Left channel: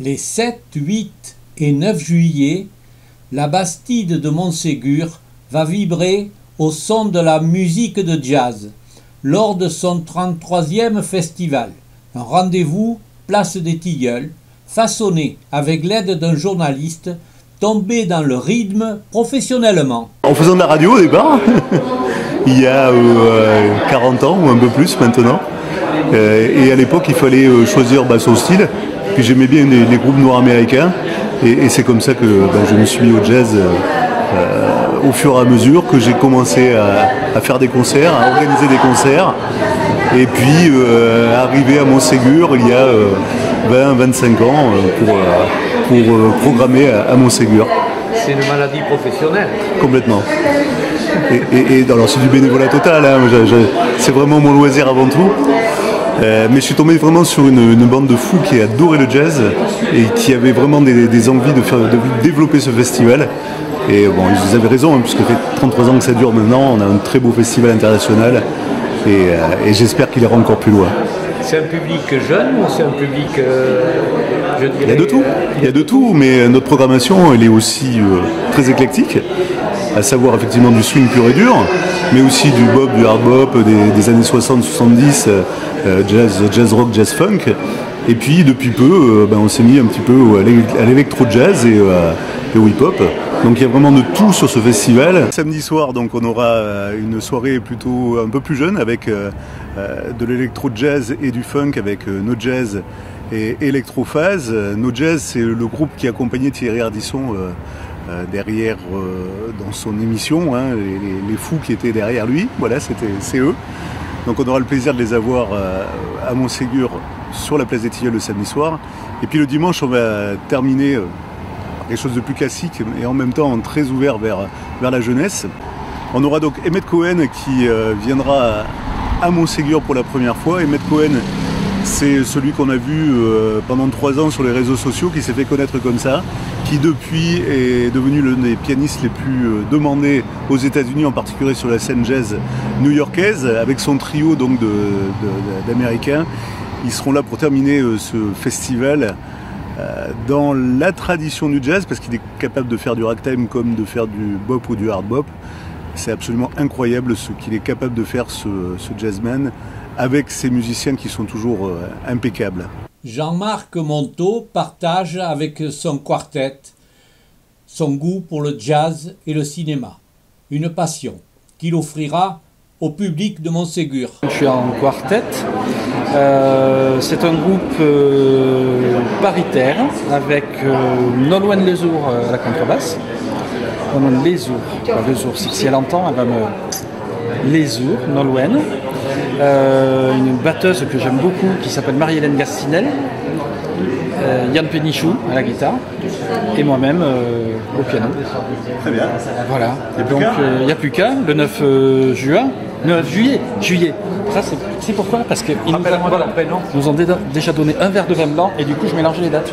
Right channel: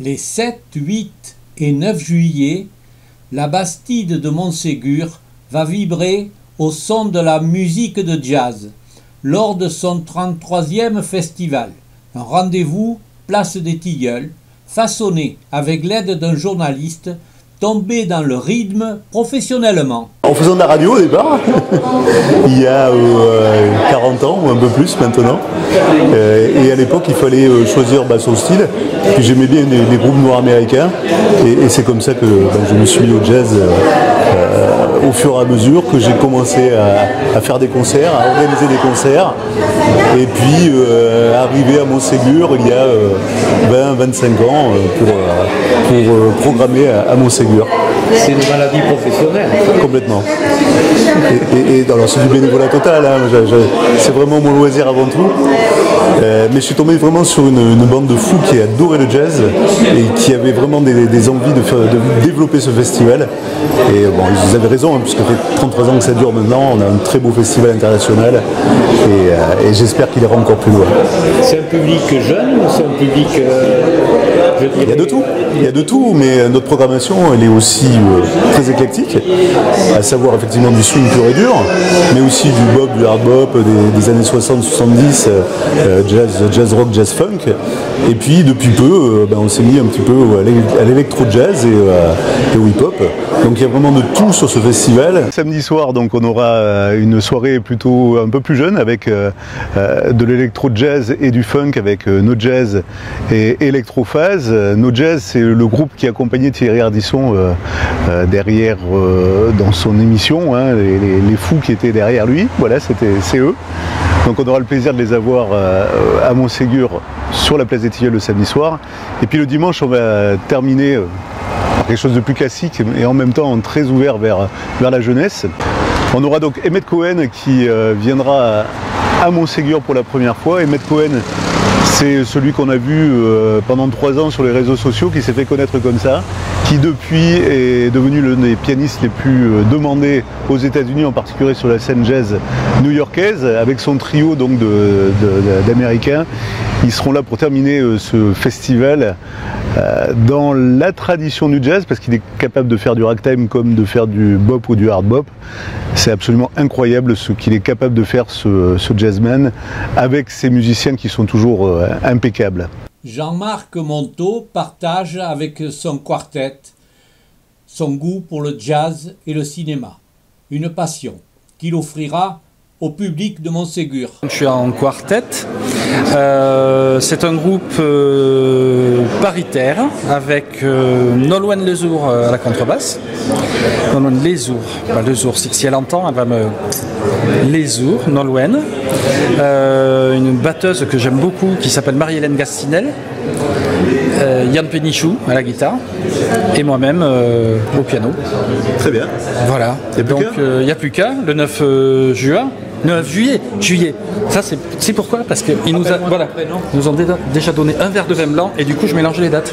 Les 7, 8 et 9 juillet, la Bastide de Montségur va vibrer au son de la musique de jazz lors de son 33e festival. Un rendez-vous place des Tilleuls, façonné avec l'aide d'un journaliste tombé dans le rythme professionnellement. En faisant de la radio au départ, il y a 40 ans ou un peu plus maintenant, et à l'époque il fallait choisir son style, puis j'aimais bien les groupes noirs américains, et c'est comme ça que je me suis mis au jazz au fur et à mesure que j'ai commencé à faire des concerts, à organiser des concerts, et puis arrivé à Montségur il y a 20-25 ans pour programmer à Montségur. C'est une maladie professionnelle. Complètement. Et alors c'est du bénévolat total, hein. C'est vraiment mon loisir avant tout. Mais je suis tombé vraiment sur une bande de fous qui adorait le jazz et qui avait vraiment des envies de développer ce festival. Et bon, vous avez raison, hein, puisque ça fait 33 ans que ça dure maintenant, on a un très beau festival international et j'espère qu'il ira encore plus loin. C'est un public jeune ou c'est un public... je dirais... Il y a de tout. Il y a de tout, mais notre programmation elle est aussi très éclectique, à savoir effectivement du swing pur et dur, mais aussi du bop, du hard bop des années 60-70, jazz rock, jazz funk. Et puis depuis peu, on s'est mis un petit peu à l'électro-jazz et au hip-hop. Donc il y a vraiment de tout sur ce festival. Samedi soir, donc on aura une soirée plutôt un peu plus jeune avec de l'électro-jazz et du funk avec No Jazz et Electrophase. No Jazz, c'est le groupe qui accompagnait Thierry Ardisson derrière dans son émission, hein, les fous qui étaient derrière lui. Voilà, c'est eux. Donc on aura le plaisir de les avoir à Montségur sur la place des Tilleuls le samedi soir. Et puis le dimanche, on va terminer par quelque chose de plus classique et en même temps très ouvert vers la jeunesse. On aura donc Emmett Cohen qui viendra à Montségur pour la première fois. Emmett Cohen, c'est celui qu'on a vu pendant 3 ans sur les réseaux sociaux, qui s'est fait connaître comme ça, qui depuis est devenu l'un des pianistes les plus demandés aux États-Unis, en particulier sur la scène jazz new-yorkaise, avec son trio donc d'Américains. Ils seront là pour terminer ce festival dans la tradition du jazz, parce qu'il est capable de faire du ragtime comme de faire du bop ou du hard bop. C'est absolument incroyable ce qu'il est capable de faire, ce jazzman, avec ses musiciens qui sont toujours impeccables. Jean-Marc Monteau partage avec son quartet son goût pour le jazz et le cinéma, une passion qu'il offrira au public de Montségur. Je suis en quartet. C'est un groupe paritaire avec Nolwenn Lezour à la contrebasse. Nolwenn Lezour, pas Lezour. Si elle entend, elle va me... Lezour, Nolwenn. Une batteuse que j'aime beaucoup qui s'appelle Marie-Hélène Gastinel. Yann Pénichou à la guitare et moi-même au piano. Très bien. Voilà. Et donc il n'y a plus qu'à le 9 juin. 9 juillet. Ça c'est pourquoi? Parce qu'ils nous ont déjà donné un verre de vin blanc et du coup je mélange les dates.